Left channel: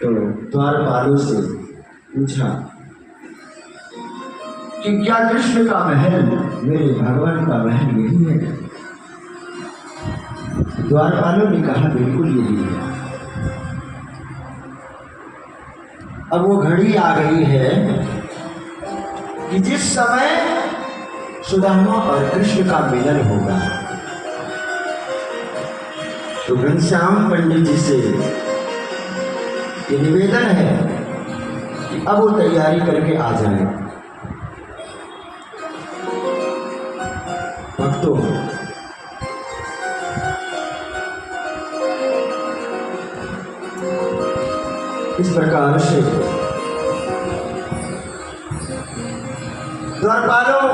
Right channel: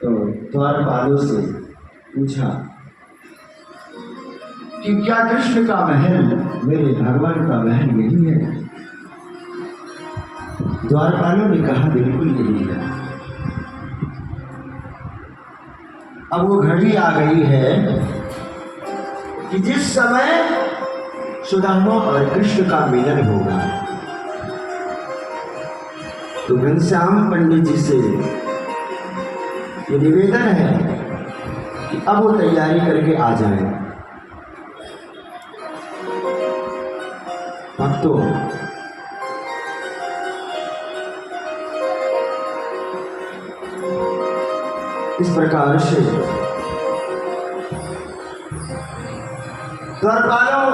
तो द्वारपालों से पूछा कि क्या कृष्ण का महल मेरे भगवान का महल यही है? द्वारपालों ने कहा बिल्कुल यही है। अब वो घड़ी आ गई है कि जिस समय सुदामा और कृष्ण का मिलन होगा। तो घनश्याम पंडित जी से ये निवेदन है कि अब वो तैयारी करके आ जाए। भक्तों, इस प्रकार से द्वारपालों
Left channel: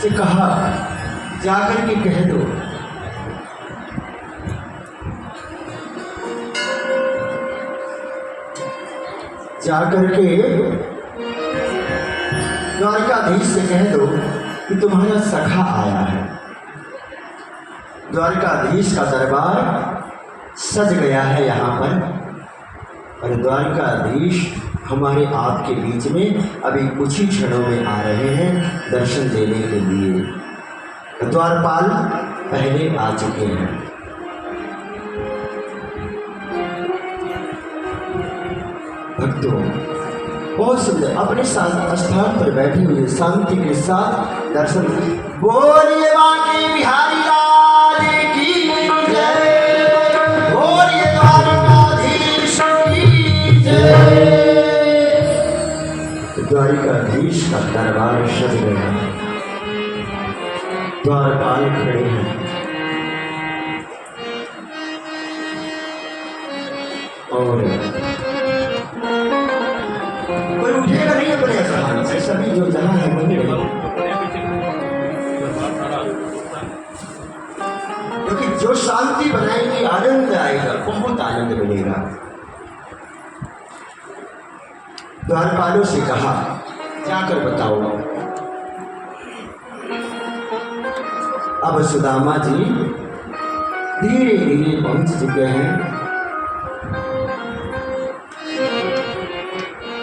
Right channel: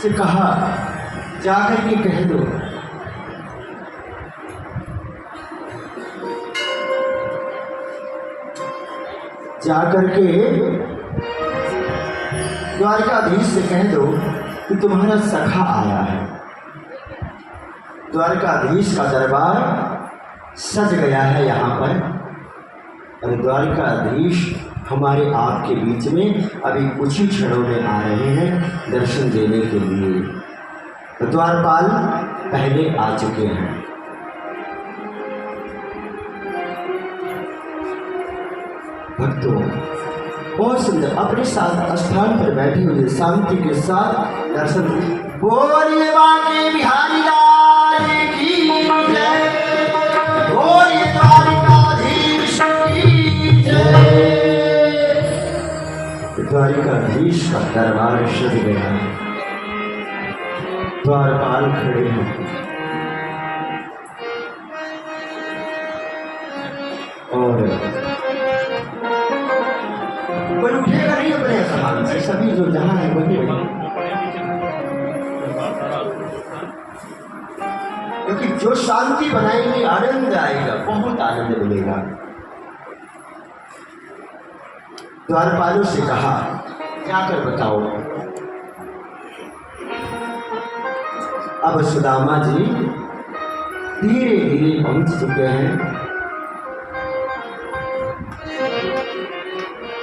से कहा जाकर के कह दो जाकर के द्वारकाधीश से कह दो कि तुम्हारा सखा आया है। द्वारकाधीश का दरबार सज गया है यहाँ पर, और द्वारकाधीश हमारे आपके बीच में अभी कुछ ही क्षणों में आ रहे हैं दर्शन देने के लिए। तो द्वारपाल पहले आ चुके हैं। भक्तों, बहुत सुंदर अपने साथ स्थान पर बैठे हुए शांति के साथ दर्शन। बोलिए बांके बिहारी लाल की जय, बोलिए द्वारकाधीश की जय। द्वारकाधीश का दरबार सज गया है। द्वारपाल खड़े हैं और कोई उठेगा नहीं अपने स्थान से, सभी जो जहां है वहीं रहेंगे, क्योंकि जो शांति बनाएंगे आनंद आएगा, बहुत आनंद मिलेगा। द्वारपालों से कहा जाकर बताओ। अब सुदामा जी धीरे धीरे पहुंच चुके हैं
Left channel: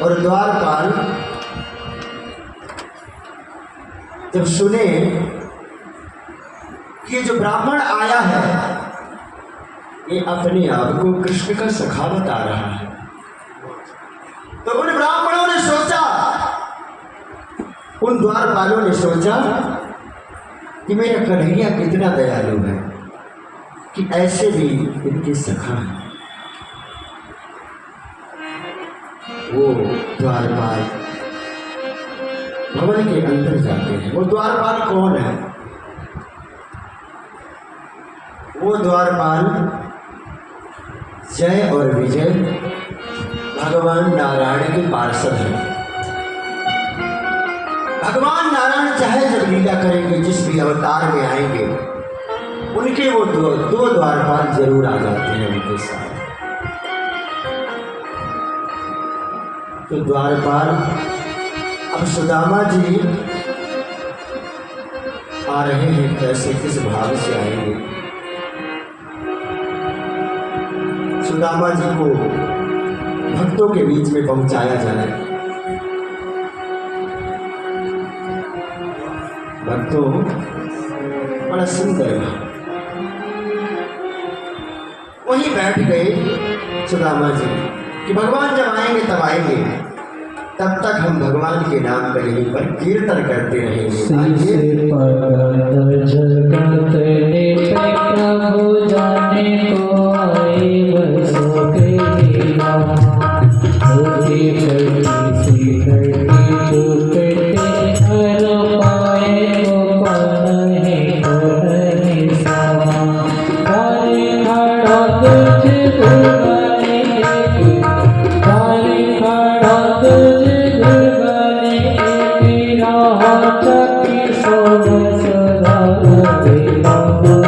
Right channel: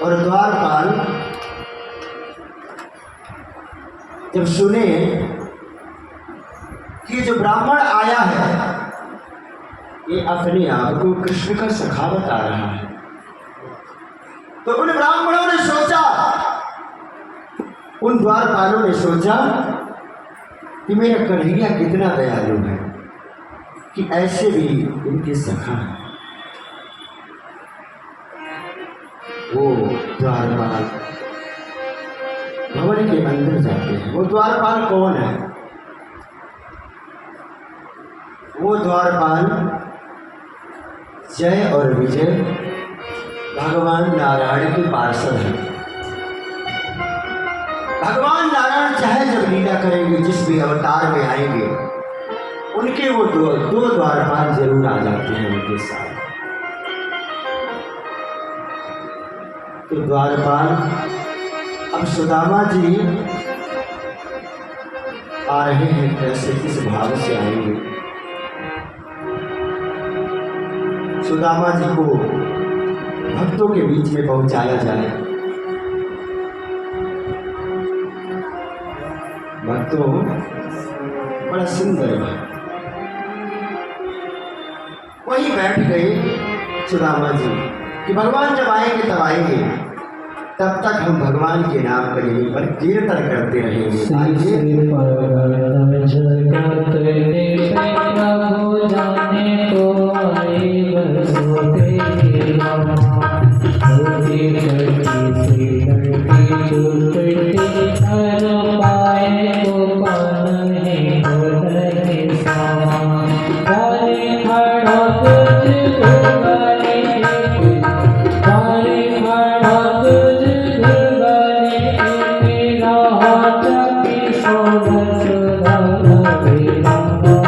और द्वारपाल जब सुने कि जो ब्राह्मण आया है ये अपने आप को कृष्ण का सखा बता रहा है, तो उन ब्राह्मणों ने सोचा, उन द्वारपालों ने सोचा कि मेरा कन्हैया कितना दयालु है कि ऐसे भी इनके सखा है। वो द्वारपाल भवन के अंदर जाते हैं। वो द्वारपाल कौन है? वो द्वारपाल जय और विजय भगवान नारायण के पार्षद हैं। भगवान नारायण चाहे जब लीला करेंगे, जिस भी अवतार में आएंगे, उनके वो दो द्वारपाल जरूर आ जाते हैं उनके साथ। तो द्वारपाल अब सुदामा जी आ रहे हैं, कैसे किस भाव से आएंगे? सुदामा जी को भक्तों के बीच में पहुंचाया जाए। भक्तों, बड़ा सुंदर वहीं बैठ गए सुदामा जी कि भगवान जब आएंगे तब आएंगे, तब तक हम भगवान के नाम का यहीं पर कीर्तन करते रहेंगे। Thank you.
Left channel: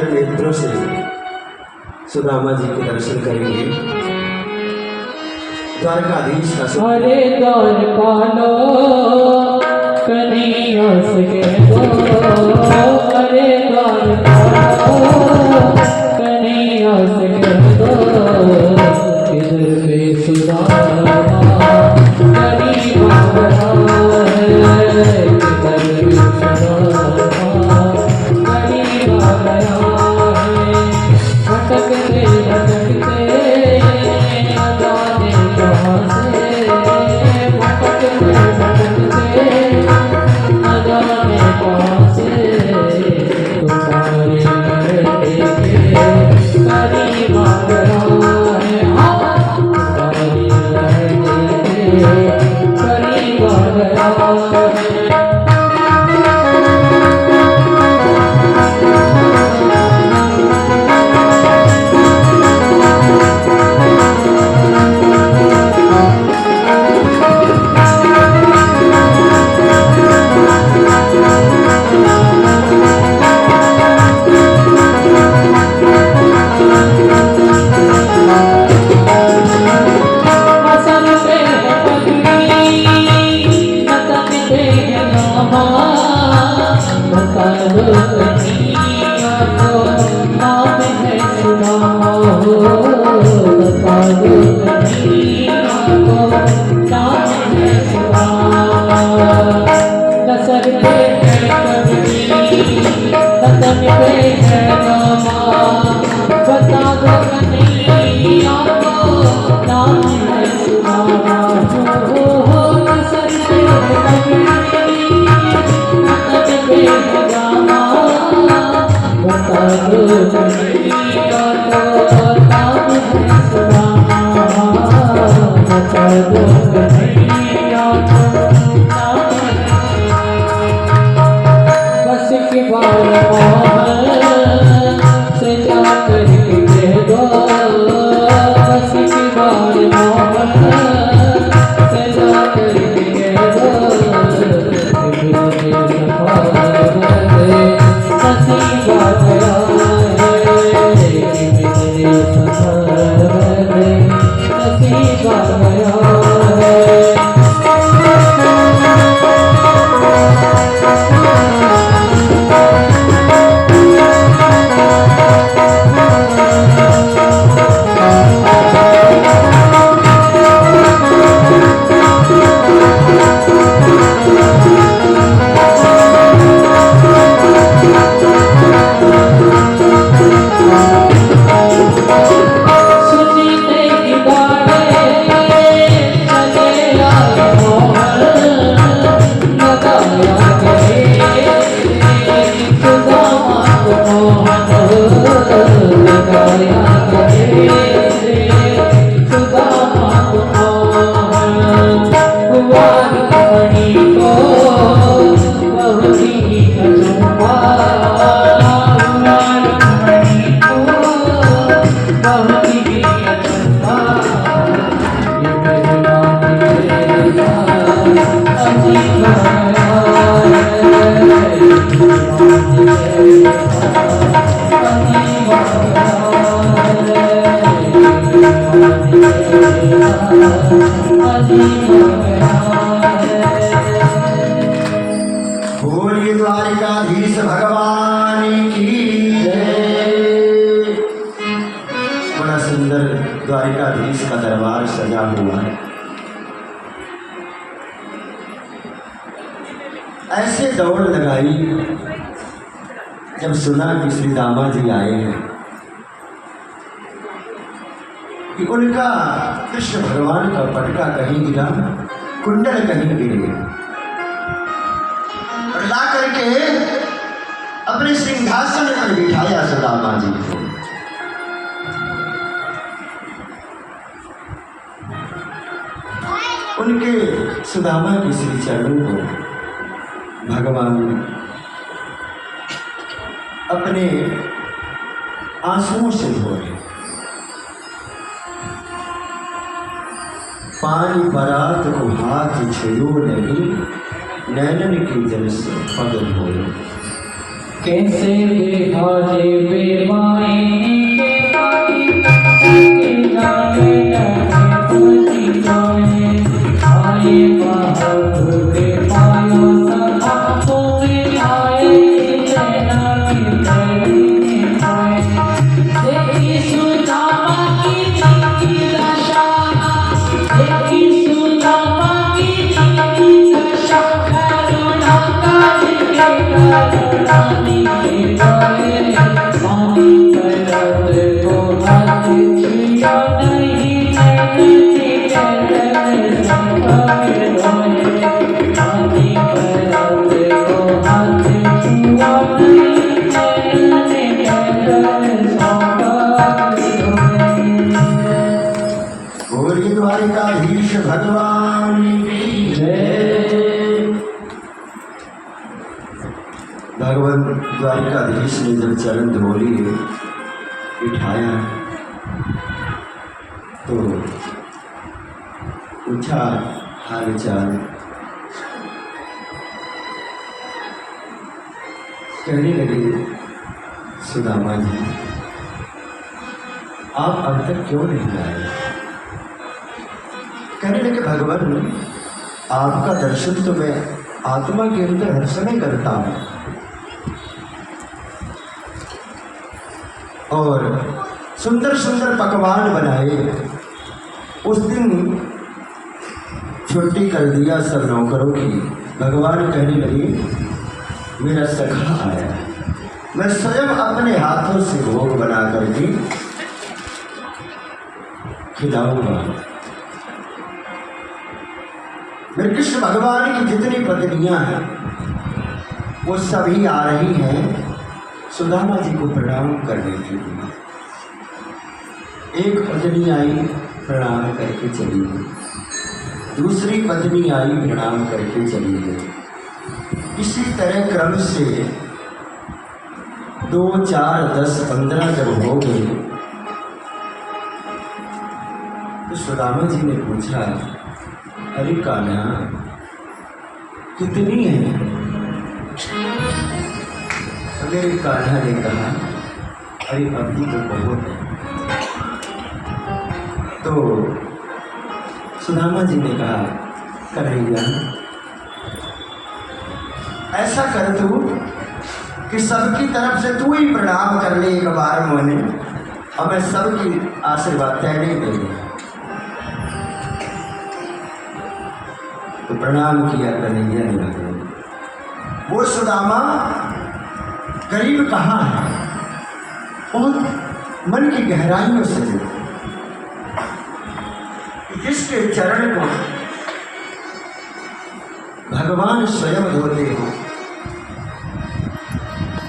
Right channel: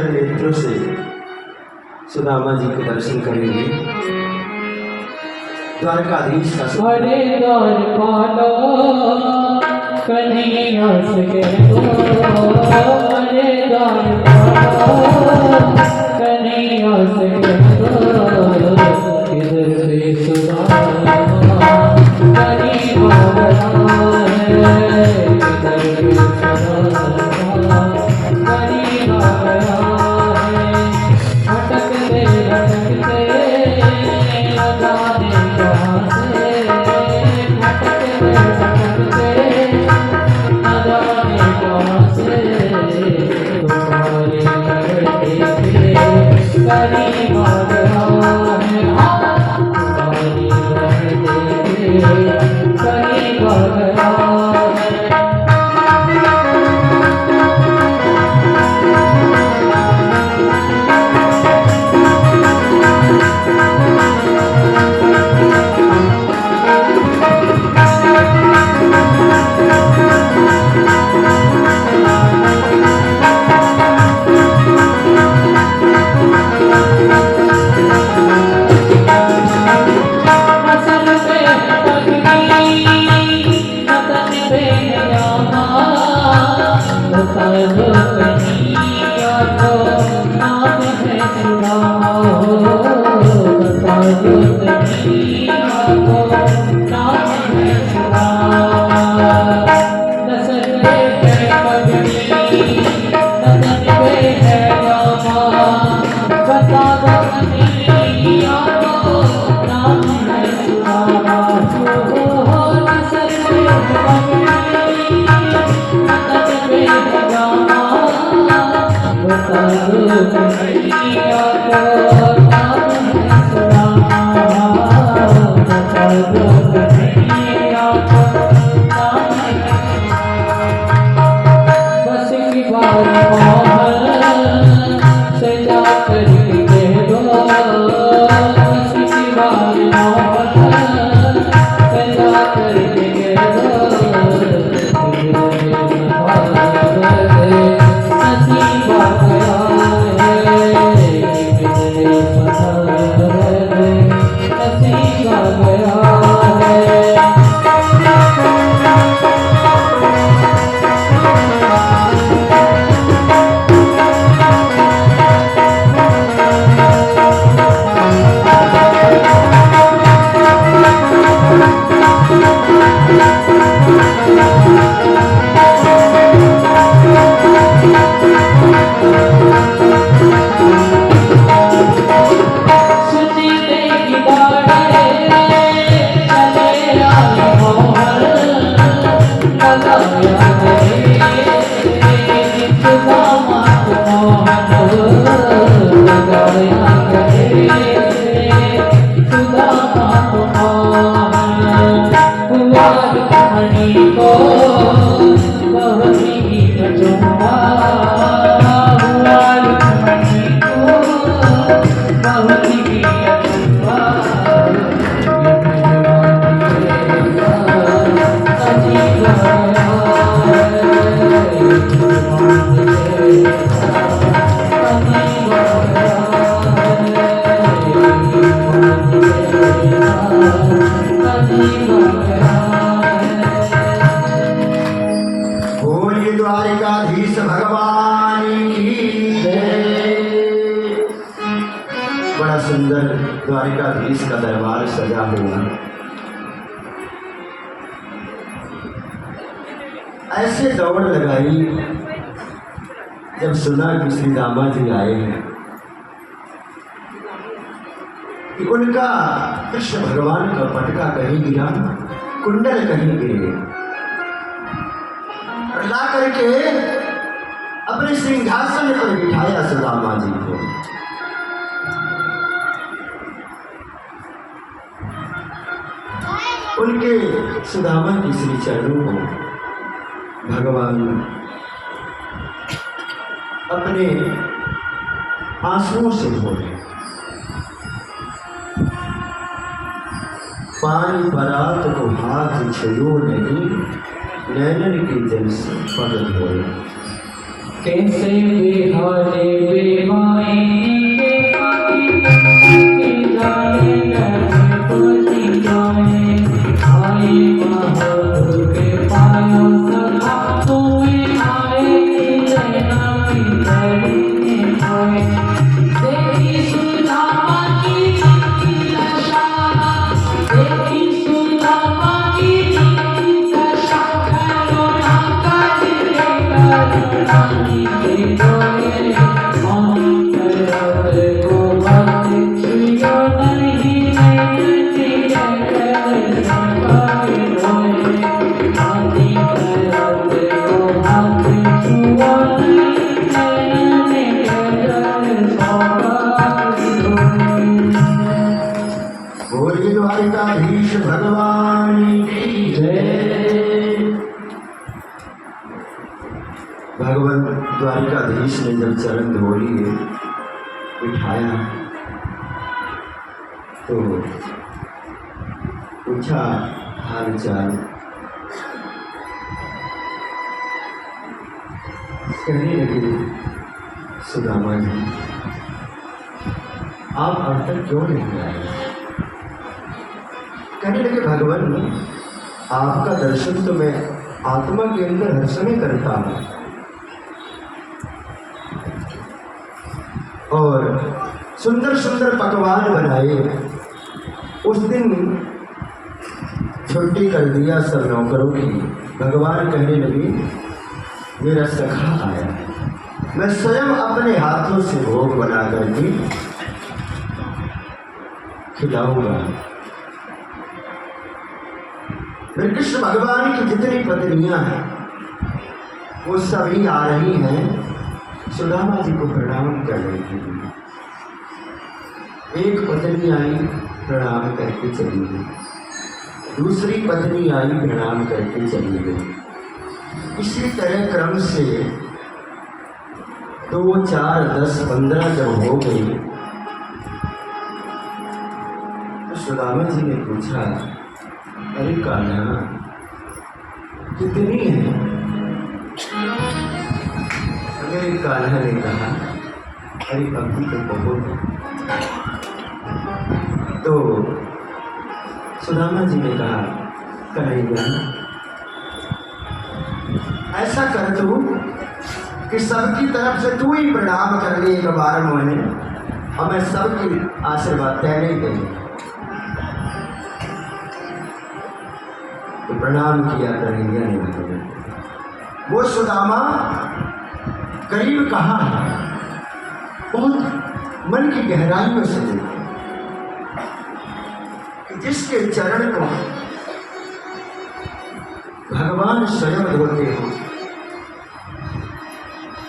सुंदर नेत्रों से सुदामा जी के दर्शन करेंगे। द्वारकाधीश का हरे द्वारकालो कन्हैया सके हरे द्वारकालो कन्हैया सके इधर पे सुदामा करी बाबा है इधर पे सुदामा करी बाबा है भटकते भटकते जाने कहाँ से भटकते भटकते न जाने कहाँ से तुम्हारे करते करीब आ गया है तुम्हारे करते करीब आ गया है। बोलिए द्वारिकाधीश भगवान की जय। बड़ा सुंदर द्वारिकाधीश का दरबार सजा हुआ है। ऐसे दौड़ लगाई जब सुना कि श्री दामा जी आए हैं कि उनका कृष्ण भगवान का पटका कहीं गिरा, कुंडल कहीं गिरे, और ला करके अपने सिंहासन पर बिठाया सुदामा जी को। उनके सुदामा की श्री चरणों को भगवान अपने आंसुओं से धोए। पानी परात को हाथ छुओ नहीं, नैनन की जल से पग धोए। कैसे बेहाले बेमाए के पानी के जाने लगे खुली जाए आए बाहर के पाया सदा तुम्हें आए लेना की करने आए देखी सुदामा की दशा देखी सुदामा की दशा करुणा कर करुणानी के जाए मानी करत को मत छुया नहीं नैनी कहते संपत होए मानी करत को मत छुआ नहीं नैनी कहते संपत होए। बोलिए द्वारिकाधीश भगवान की जय। भगवान द्वारिकाधीश ने जब चरण धोली बिठाया तो पूछा हाल चाल। कहने लगे सुदामा जी आप अब तक क्यों नहीं आए। कहने लगे भगवान आपका दर्शन तो मैं आत्मा के अंदर हर समय करता हूँ और सुंदर सुंदर पकवान बनाए। उस दिन छुट्टी कर दिया सब नौकरों की। भगवान कहने लगे मेरा सखा आया है, मैं स्वयं अपने हाथों से भोग बना करके खिलाऊंगा। मेरे कृष्ण भगवान की जितनी पत्नियां हैं वो सभी आ रही हैं सुदामा जी को प्रणाम करने के लिए। एक पत्नी आई प्रणाम करके चली गई, दूसरी पत्नी आई प्रणाम करके चली गई। इसी तरह क्रम से 2, 4, 10, 15 जब हो गई तो सुदामा जी ने पूछा अरे कान्हा कितनी है। मेरे कान्हा ने कहा अरे अभी तो बहुत है। तो सुदामा जी ने कहा कन्हैया ऐसा कर तू कि सबकी तरफ से तू ही प्रणाम कर ले एक बार मोने, और मैं सबकी आशीर्वाद तय नहीं देंगे। तो प्रणाम किया कन्हैया ने लगे। वो सुदामा करीब कहाँ है, बहुत मन की गहराइयों से कि जिसके चरण को भगवान स्वयं धोते हो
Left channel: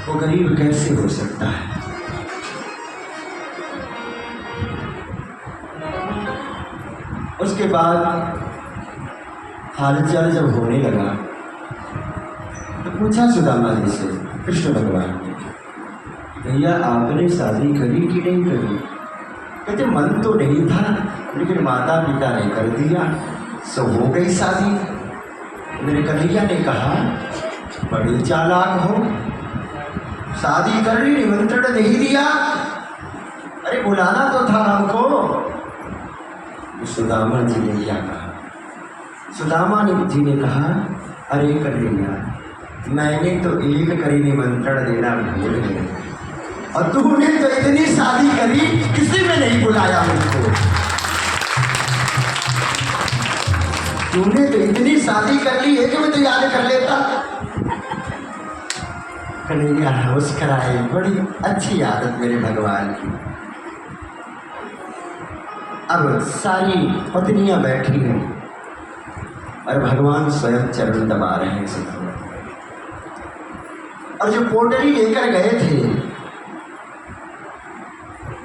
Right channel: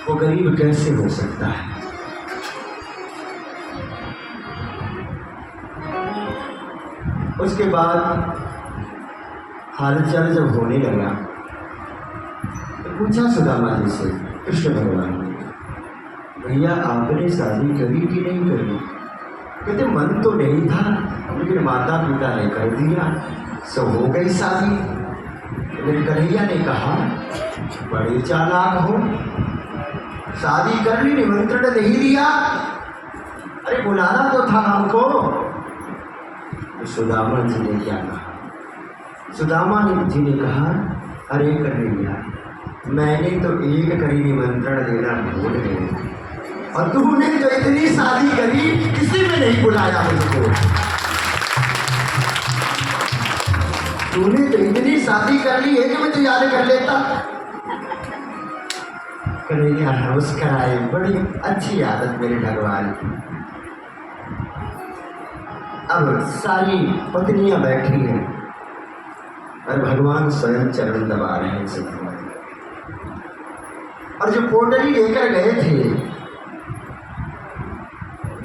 वो गरीब कैसे हो सकता है। उसके बाद हालचाल जब होने लगा तो पूछा सुदामा जी से कृष्ण भगवान ने भैया आपने शादी करी कि नहीं करी। कहते मन तो नहीं था लेकिन माता पिता ने कर दिया सो हो गई शादी। मेरे कन्हैया ने कहा बड़े चालाक हो, शादी कर ली निमंत्रण नहीं दिया, अरे बुलाना तो था हमको। तो सुदामा जी ने क्या कहा, सुदामा जी ने कहा अरे कन्हैया मैंने तो एक करी निमंत्रण देना भूल गए और तूने तो इतनी शादी करी किसी में नहीं बुलाया मुझको। तूने तो इतनी शादी कर ली है कि मैं तो याद कर लेता। कन्हैया मुस्कराए, बड़ी अच्छी आदत मेरे भगवान की। अब सारी पत्नियां बैठी हैं और भगवान स्वयं चरण दबा रहे हैं सब। और जो पोटली लेकर गए थे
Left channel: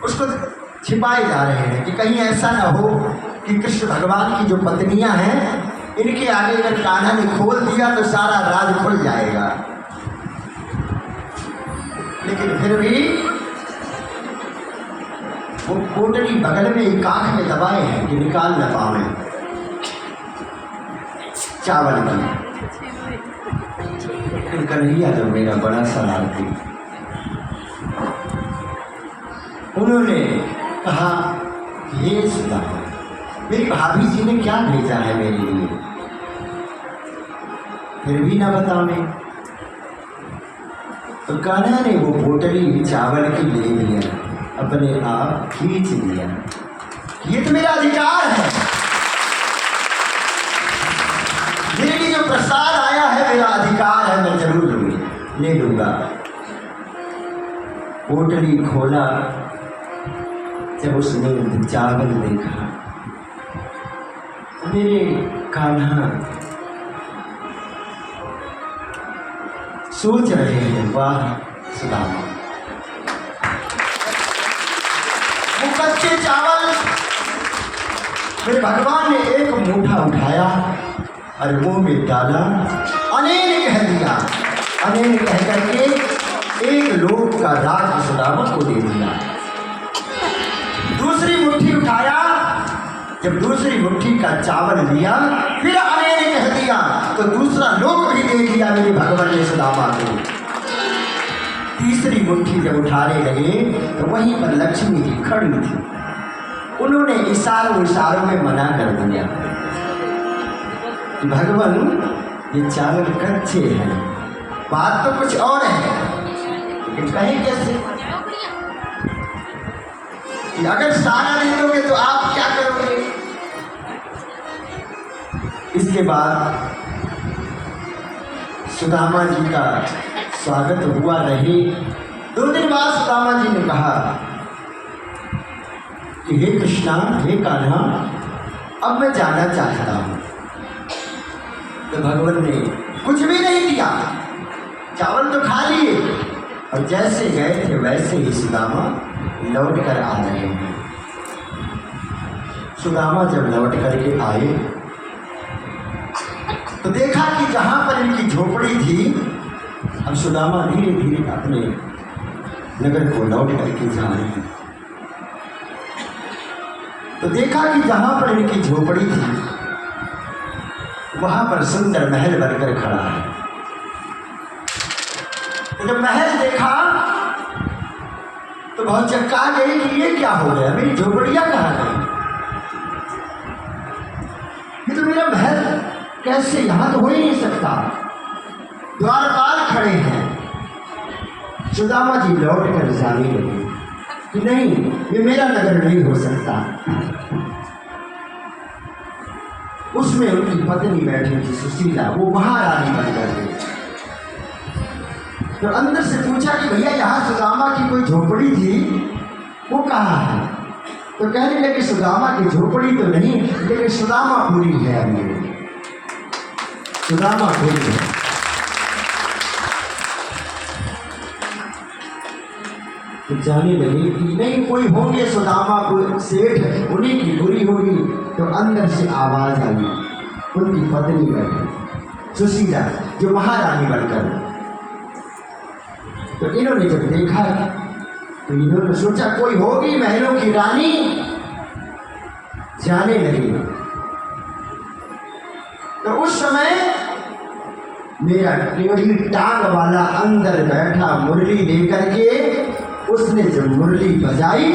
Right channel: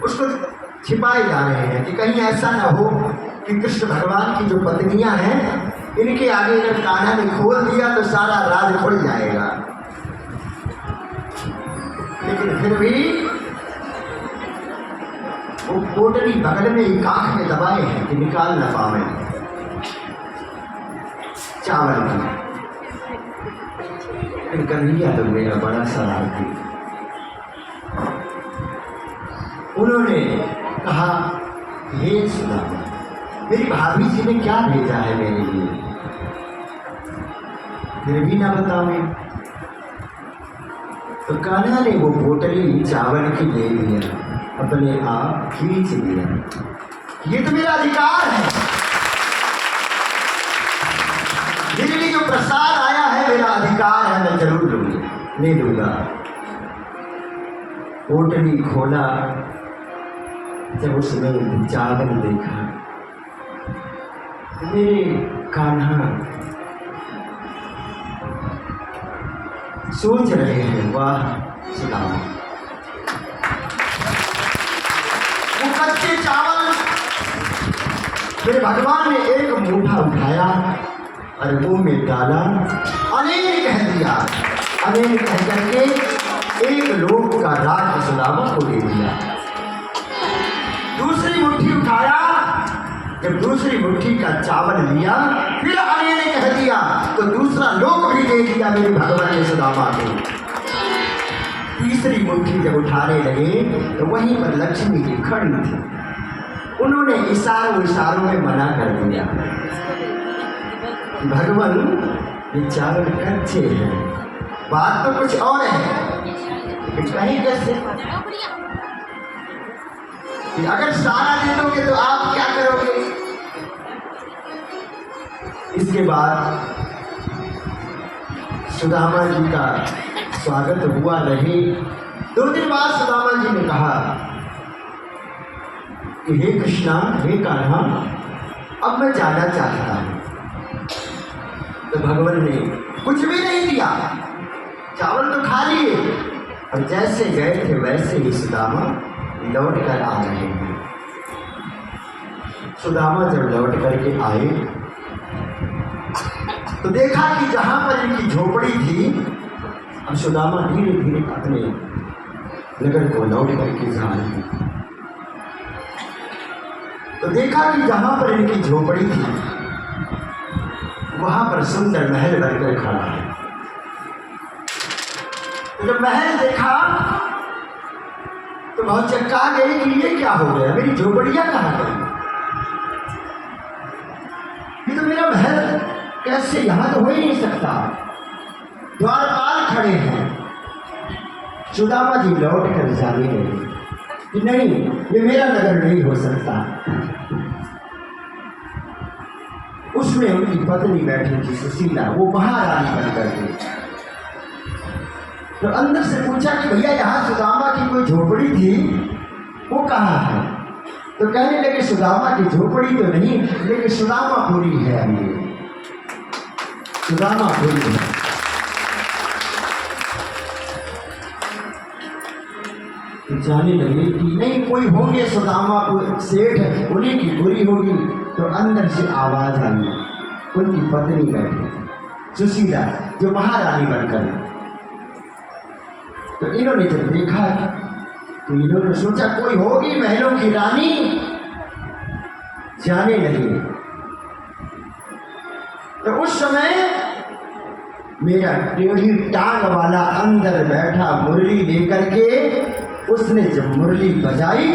उसको छिपाए जा रहे हैं कि कहीं ऐसा न हो कि कृष्ण भगवान की जो पत्नियां हैं इनके आगे अगर कान्हा ने खोल दिया तो सारा राज खुल जाएगा। लेकिन फिर भी वो पोटली बगल में एक आंख में दबाए हैं कि निकाल न पावे चावल की। लेकिन कन्हैया तो मेरा बड़ा शरारती। उन्होंने कहा, हे सुदामा, मेरी भाभी जी ने क्या भेजा है मेरे लिए, फिर भी ना बतावे। तो कान्हा ने वो पोटली चावल की ले लिया, अपने आप खींच लिया। ये तो मेरा अधिकार है, मेरे लिए जो प्रसाद आया है मेरा अधिकार है, मैं जरूर लूंगी, ले लूंगा। पोटली खोला, जब उसने चावल देखा, मेरे कान्हा सोच रहे हैं, वाह सुदामा, वो कच्चे चावल मेरे भगवान ने एक मुट्ठा उठाया और मुंह में डाला, अनेक कह दिया, अनेक कह करके एक लोक का राज सुदामा को दे दिया। दूसरी मुट्ठी उठाया, जब दूसरी मुट्ठी का चावल लिया, फिर अनेक कह दिया, तो दूसरा लोक भी दे दिया मेरे भगवान ने सुदामा को। तीसरी मुट्ठी जब उठाने लगे तो वहीं पर लक्ष्मी जी खड़ी थी। उन्होंने इशारों में मना कर दिया कि भगवान ये चावल कच्चे हैं, बात तो कुछ और है, लेकिन कहीं कैसे कि अगर सारा दे दोगे तो आप क्या करोगे। इसके बाद सुदामा जी का स्वागत हुआ नहीं। 2 दिन बाद सुदामा जी ने कहा कि हे कृष्णा, हे कान्हा, अब मैं जाना चाहता हूँ। तो भगवान ने कुछ भी नहीं दिया, चावल तो खा लिए, और जैसे गए थे वैसे ही सुदामा लौट कर आ रहे हैं। सुदामा जब लौट करके आए तो देखा कि जहाँ पर इनकी झोपड़ी थी, अब सुदामा धीरे धीरे अपने नगर को लौट करके जा रहे हैं। तो देखा कि जहाँ पर इनकी झोपड़ी थी वहाँ पर सुंदर महल बनकर खड़ा है। तो जब महल देखा तो बहुत चक्का गए कि ये क्या हो गया, मेरी झोपड़ियाँ कहाँ गई, ये तो मेरा महल कैसे, यहाँ तो हो ही नहीं सकता। द्वारपाल खड़े हैं। सुदामा जी लौट कर जाने लगे कि नहीं, ये मेरा नगर नहीं हो सकता। उसमें उनकी पत्नी बैठी थी सुशीला, वो महारानी बनकर गई। तो अंदर से पूछा कि भैया यहाँ सुदामा की कोई झोपड़ी थी, वो कहाँ है। तो कहने लगे सुदामा की झोपड़ी तो नहीं, लेकिन सुदामापुरी है, अभी सुदामापुरी है। तो जाने लगे कि नहीं, कोई होंगे सुदामापुर सेठ, उन्हीं की बुरी होगी। तो अंदर से आवाज आई, उनकी पत्नी बैठी सुशीला, जो महारानी बनकर। तो इन्होंने जब देखा तो इन्होंने सोचा कोई होगी महलों की रानी, जाने लगे। तो उस समय मेरा टेढ़ी टांग वाला अंदर बैठा मुरली लेकर के, उसने जब मुरली बजाई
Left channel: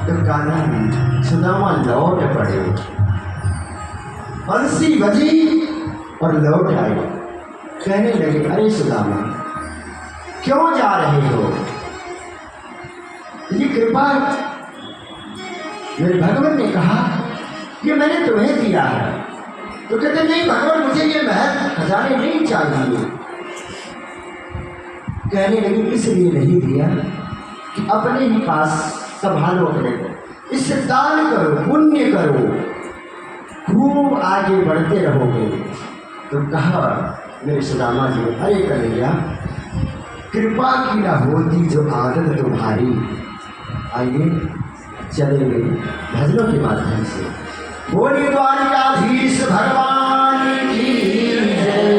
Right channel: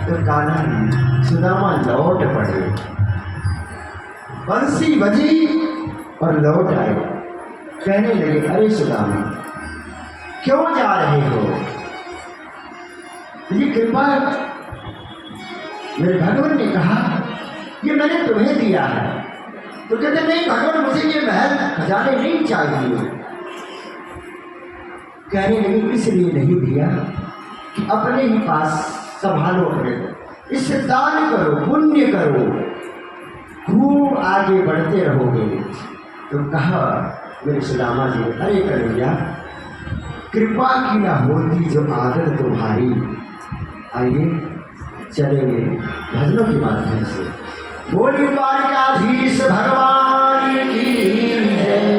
तो कान्हा सुदामा लौट पड़े, बंसी बजी और लौट आए। कहने लगे अरे सुदामा, क्यों जा रहे हो, ये कृपा मेरे भगवान ने कहा ये मैंने तुम्हें दिया है। तो कहते नहीं भगवान, मुझे ये महल खजाने नहीं चाहिए। कहने लगे इसलिए नहीं दिया कि अपने ही पास संभालो, अपने को, इससे दान करो, पुण्य करो, खूब आगे बढ़ते रहोगे। तो कहा मेरे सुदामा जी, अरे कन्हैया, कृपा की न होती जो आदत तुम्हारी। आइए चलेंगे भजनों के माध्यम से। बोली द्वारकाधीश भगवान की जय।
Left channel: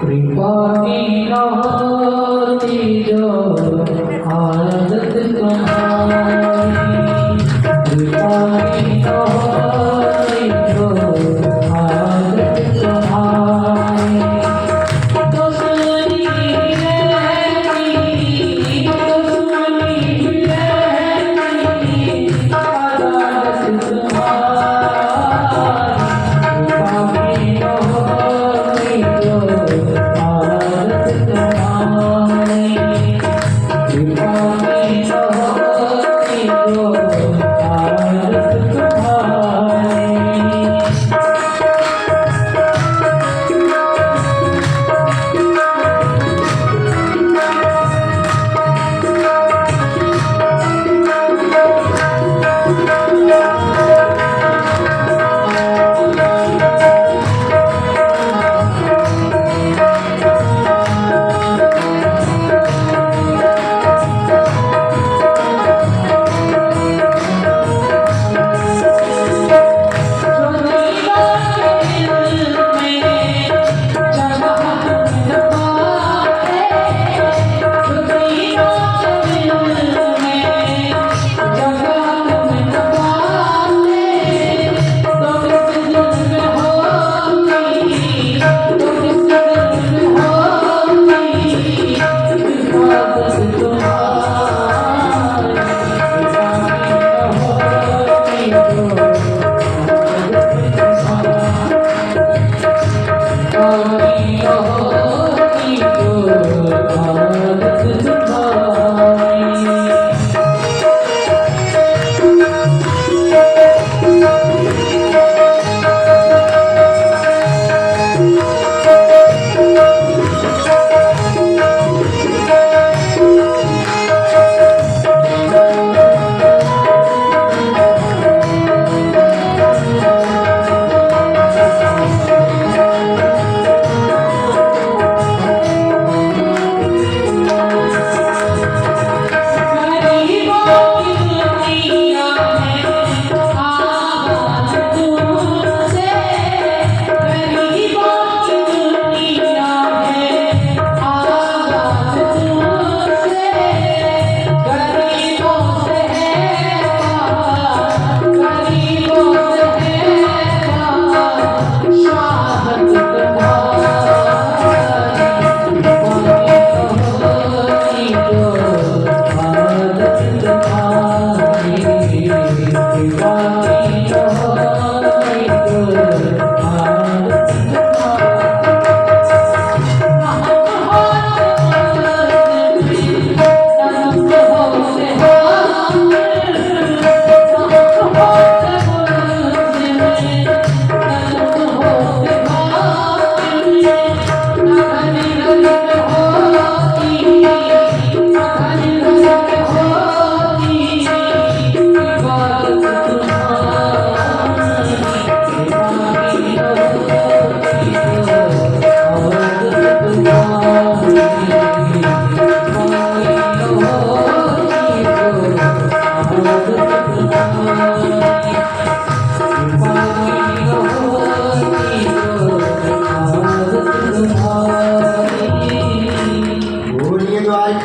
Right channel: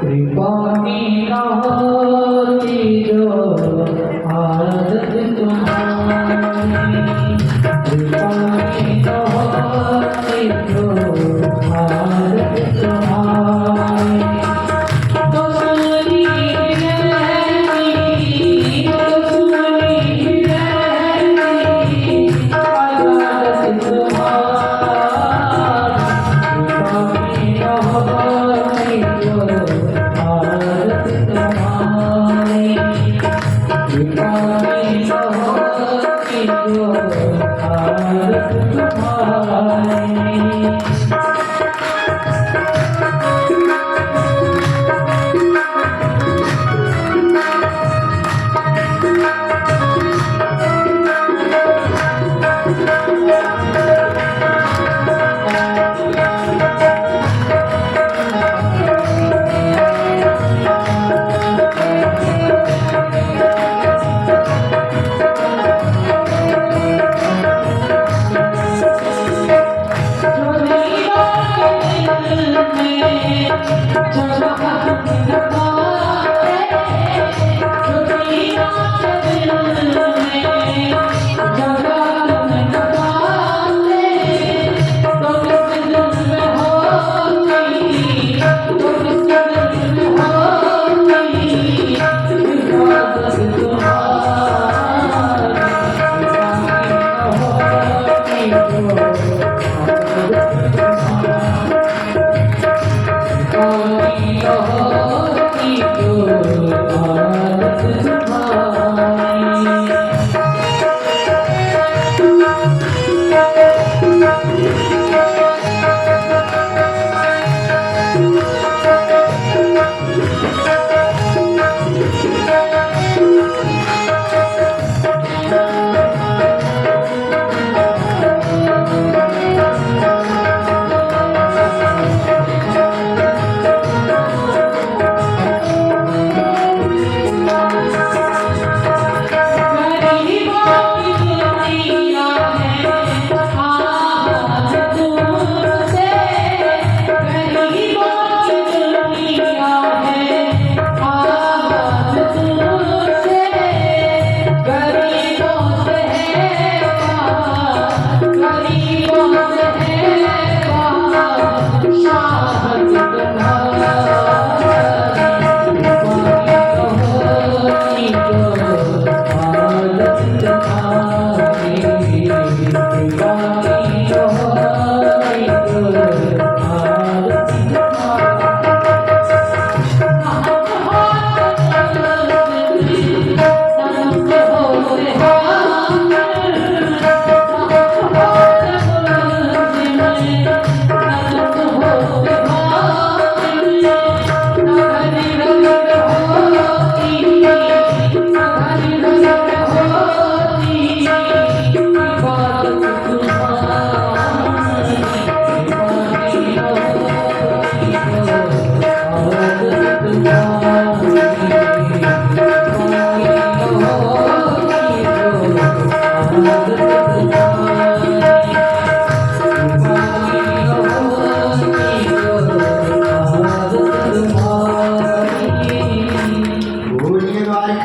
कृपा की न होती जो आदत तुम्हारी, कृपा की न होती जो आदत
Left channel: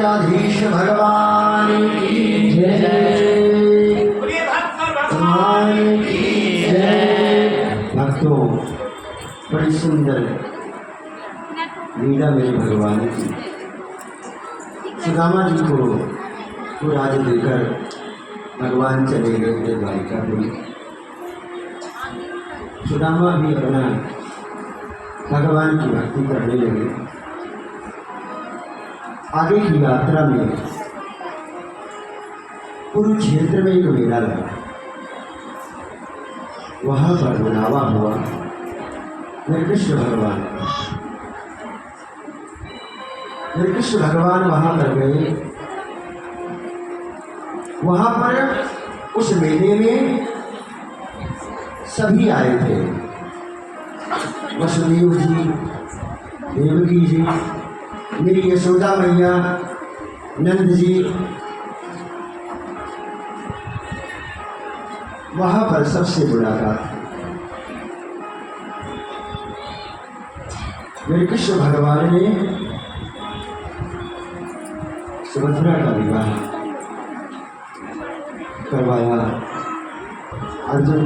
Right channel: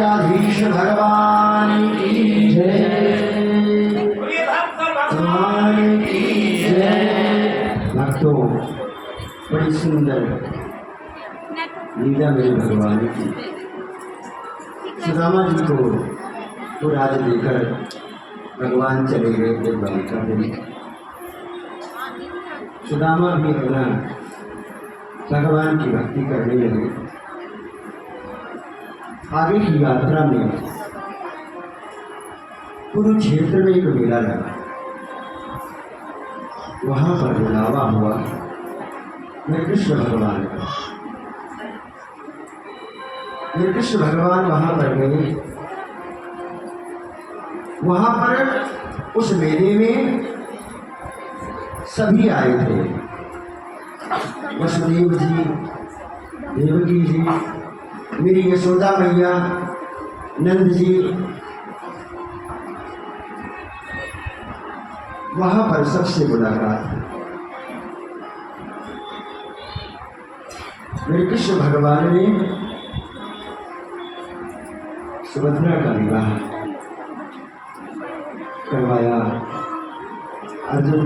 द्वारकाधीश भगवान की जय, भगवान की जय। भक्तों, बड़ी सुंदर लीला मेरे भगवान की। सुदामा जी को वो राज देकर भगवान चले गए थे द्वारिका में। सुदामा भी अपना भगवान की भक्ति करने लगे। आगे की यात्रा में कुरुक्षेत्र में एक मेला लगा। वहां पर बुलावा हुआ मेरे कृष्ण भगवान का। मेरे कृष्ण भगवान वहां पर गए। वहां पर उस मेले में सभी आए थे। वसुदेव जी, देवकी जी, मेरी यशोदा मैया, नंद जी, वहां पर सबसे मुलाकात। मेरे कृष्ण भगवान ने सुभद्रा का विवाह करवाया। अर्जुन